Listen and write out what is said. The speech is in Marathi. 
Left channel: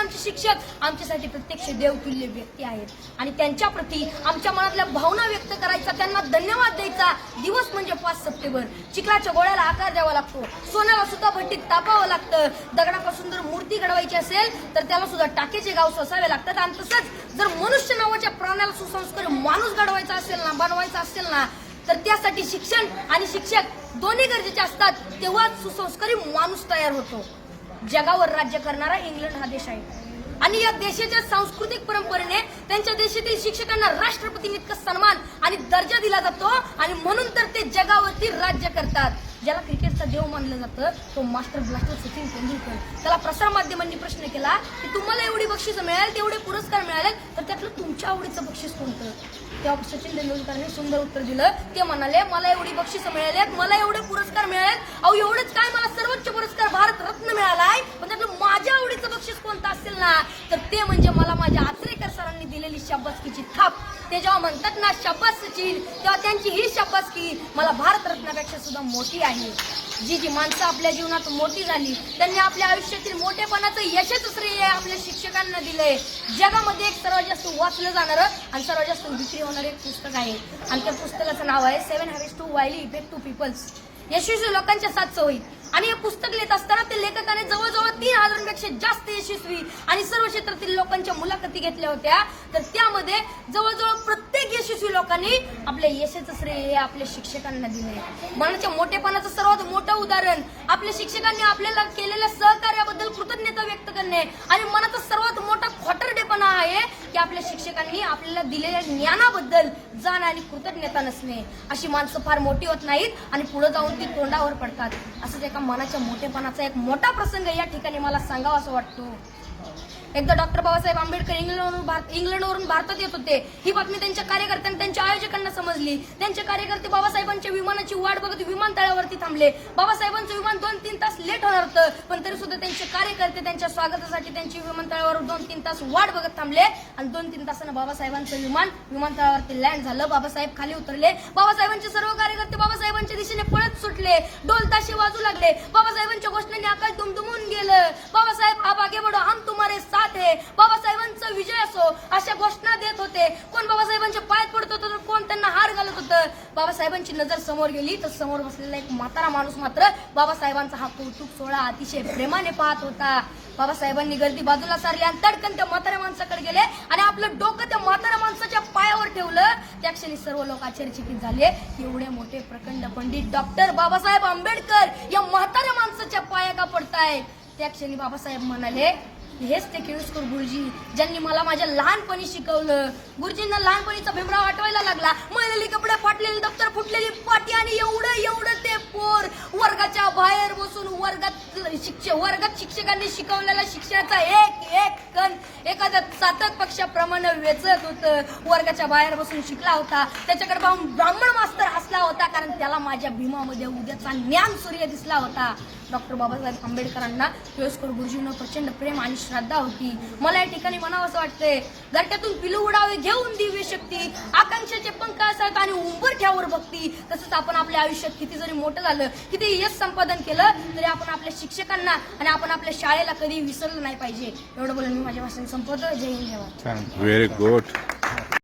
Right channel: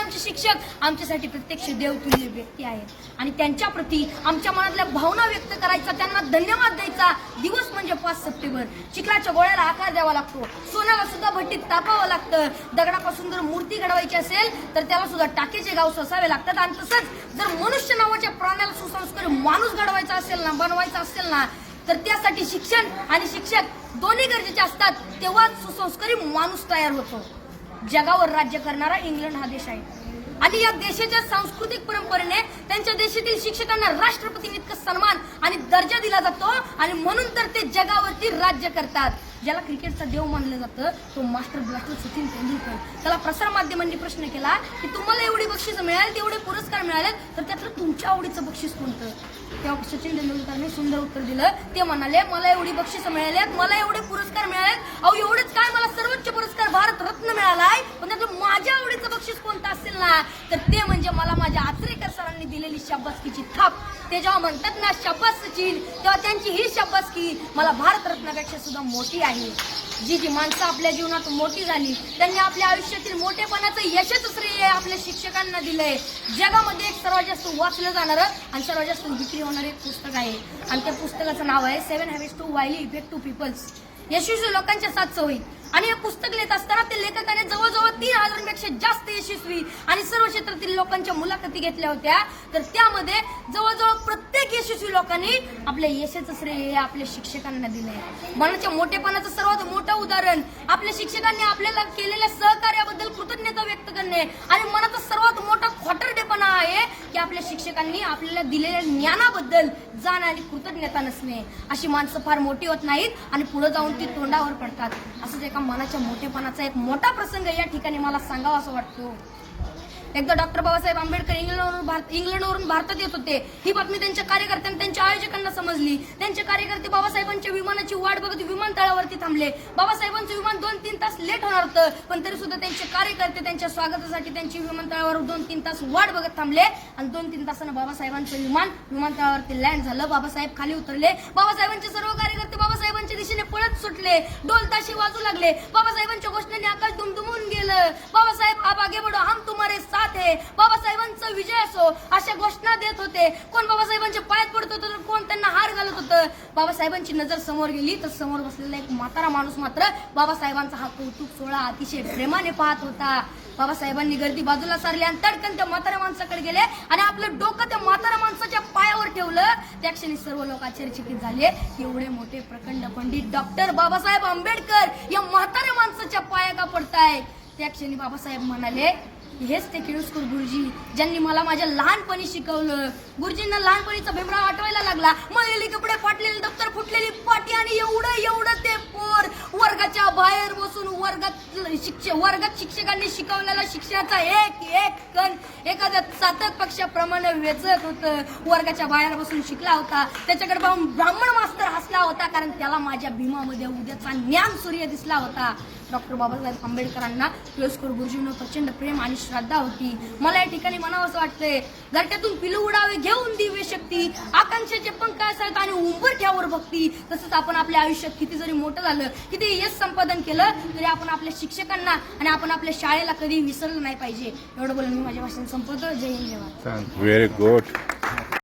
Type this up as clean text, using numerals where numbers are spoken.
आमचे शिक्षक आमच्यासाठी प्रत्यक्ष देवतुल्य व्यक्ती आहेत आणि त्यांच्या प्रती आमच्या मनातल्या भावना व्यक्त करायचा, त्यांना धन्यवाद द्यायचा दिवस म्हणजे 5 सप्टेंबर. चिखलाच्या गोळ्याला आकार द्यावा लागतो, सोन्याला सुद्धा भट्टीत तापावं लागतं, दगडापासून जर मूर्ती घडवायची असेल तर त्याला सुद्धा टाकेचे गाव ससावे लागतात. आणि तसंच जर मनुष्य नावाच्या प्राण्याला सुसंस्कारी माणूस घडवायचा असेल ना, बनवायचा असेल ना, तर त्यासाठी शिक्षण आणि शिक्षक दोन्ही गरजेचे असतात. तेव्हाच सुसंस्कारी माणूस तयार होतो. जगावर राज्य करणारा इंग्लंड हा देश आहे आणि या देशाच्या सांस्कृतिक परंपरेने त्यांच्या देशातील शिक्षकांना राष्ट्रपतींइतका सन्मान आणि दर्जा दिला जातो आणि म्हणून तर ते जगावरती राज्य करतात. ज्याला क्रिकेटचा देव मानलं जातं तो मास्टर ब्लास्टर सचिन तेंडुलकर. त्याला प्रसार माध्यमांनी प्रश्न केला की तुम्हाला एवढी बक्षीस मिळाली, तेवढे पुरस्कार मिळाले, तर त्यातलं तुमच्या आवडीचं बक्षीस कोणतं? तेव्हा सचिन तेंडुलकरने सुंदर उत्तर दिलं. ते म्हणाले, मला एवढी बक्षीस मिळाल्यात, मला एवढे पुरस्कार मिळालेत, अहो एवढेच काय, मला सर्वोच्च पुरस्कार भारत रत्न मिळालाय, पण त्यातलं माझ्या आवडीचं बक्षीस कोणतं असेल ना, तर ते म्हणजे मला माझ्या आचरेकर सरांनी दिलेली शाबासकीची थाप. ते जेव्हा म्हणतात ना शाबास सचिन, तेव्हा त्यांची ही शाबासकी मला भारत रत्नापेक्षा सुद्धा मोठी आहे. जी माणसं आपल्या जीवनात मोठी झाली त्यांनी आपल्या आयुष्यातील मोठेपणाचं यशच श्रेय आपल्या शिक्षकांना दिलंय. जगामध्ये एक सर्वात जास्त वाचलं जाणारं आणि सर्वात जास्त विक्री होणारं एक पुस्तक आहे आणि त्या पुस्तकाचं नाव आहे 7 Habits to Highly Effective People. यशस्वी लोकांच्या 7 सवयी. आणि हे पुस्तक लिहित असताना ते लेखकाने जवळजवळ 3000पेक्षा जास्त यशस्वी आणि सर्व क्षेत्रातील लोकांच्या मुलाखती घेतल्या होत्या. तर त्यामध्ये जवळजवळ प्रत्येक यशस्वी लोकांनी आपल्या यशाचं श्रेय आपल्या शिक्षकांना दिलंय. मनाच्या मोठेपणाचं सर्वात मोठं उदाहरण आपल्या शिक्षकांनी आपल्याला केलेल्या सहकार्याबद्दल कृतज्ञता व्यक्त करणे आणि मनाचा सर्वात मोठा खोटरडेपणा आहे की आपल्या शिक्षकांनी आपल्याला दिलेल्या ज्ञानाबद्दल जाण आणि कृतज्ञता नसणे. अशी माणसं फार मोठी होत नाहीत आणि पुढे जाऊन ती तोंडावर पडतात. असंच एका मनाच्या मोठेपणाचा एक मोठा प्रसंग या ठिकाणी मला सांगावा असं वाटतो. एकदा डॉक्टर बाबासाहेब आंबेडकर इंग्लंडवरून भारतात येत होते. ही बातमी त्यांच्या कार्यकर्त्यांना, त्यांच्या आयोजकांना समजली. त्यांचे कार्यकर्ते बाबासाहेबांच्या विमानाची वाट बघत विमानतळावरती थांबले. बाबासाहेबांचं विमान 2-3 तास लेट होणार होतं, पण तरी सुद्धा त्यांचे कार्यकर्ते त्यांच्या स्वागतासाठी त्यांची विमानतळावर 2-3 तास वाट बघत थांबले आणि 2-3 तासानं बाबासाहेबांचं विमान विमानतळावरती लँड झालं. बाबासाहेब खाली उतरले. बाबासाहेबांचे सर्व कार्यकर्ते बाबासाहेबांच्या दिशेने पळत सुटले. ढोल ताशे वाजू लागले. बाबासाहेबांच्या घोषणांनी आकाश दुमदुमून गेलं. बाबासाहेब आप आगे बढ़ो, हम तुम्हारे साथ है. बाबासाहेबांचा विजय असो अशा घोषणा देत होते. कोण बाबासाहेबांच्या पायात पडत होतं तर कोण त्यांना हार घालत होतं. बाबासाहेबांची नजर समोर गेली तर समोर बसलेला एक म्हातारा माणूस मात्र बाबासाहेबांचा हा कौतुक सोहळा अतिशय प्रेमाने पाहत होता. बाबासाहेबांनी गर्दी बाजूला सारली आणि तडकन त्या म्हाताऱ्या माणसाकडे गेले आणि आपलं डोकं त्या म्हाताऱ्या माणसाच्या पायावर ठेवलं. त्या क्षणी सर्व लोक आश्चर्यचकित झाले. एवढे मोठे प्रखंड पंडित डॉक्टर बाबासाहेब आंबेडकर या म्हाताऱ्या माणसाच्या पाया का पडतायत? त्या क्षणी बाबासाहेब म्हणाले, हेच ते केळुसकर गुरुजी ज्यांनी मला माझ्या लहानपणी शिकवलं. गुरुजींना लहानपणीचा भीमराव आठवायला लागला. मळलेली कपडे, फाटलेली दप्तर, फुटलेली पाटी आणि एवढं ते पोर वर्गाच्या बाहेर बसून वर्गात शिक्षकांनी शिकवलेला शिक्षणाचा एक कण एखाद्या चातक पक्षाप्रमाणे वेचत होतं. वर्गाच्या बाहेर बसून शिकला होता. त्याच्याकडे पाहून ब्राह्मण मास्तर हसला होता, कारण त्याला माझ्या भीमामध्ये उद्याचा ज्ञान सूर्य दिसला होता. डॉक्टर बाबासाहेब आंबेडकरांना केळुसकर गुरुजींना प्रचंड प्रेम आणि श्रद्धा होती. मला या ठिकाणी म्हणावं असं वाटतंय, घरट्यातून पिलू उडावे घेऊन दिव्य शक्ती, आकांक्षाचे पंख असतात आणि उंबरठ्यावर भक्ती. तसंच आपण आपल्या आयुष्यात किती जरी मोठं झालं, किती यश संपादन केलं, तरी आपण आपल्या शिक्षकांना आणि आपण आपल्या शाळेला कधी विसरलं नाही पाहिजे. एवढं बोलून मी माझ्या भाषण संपवतो. जय हिंद. Very good.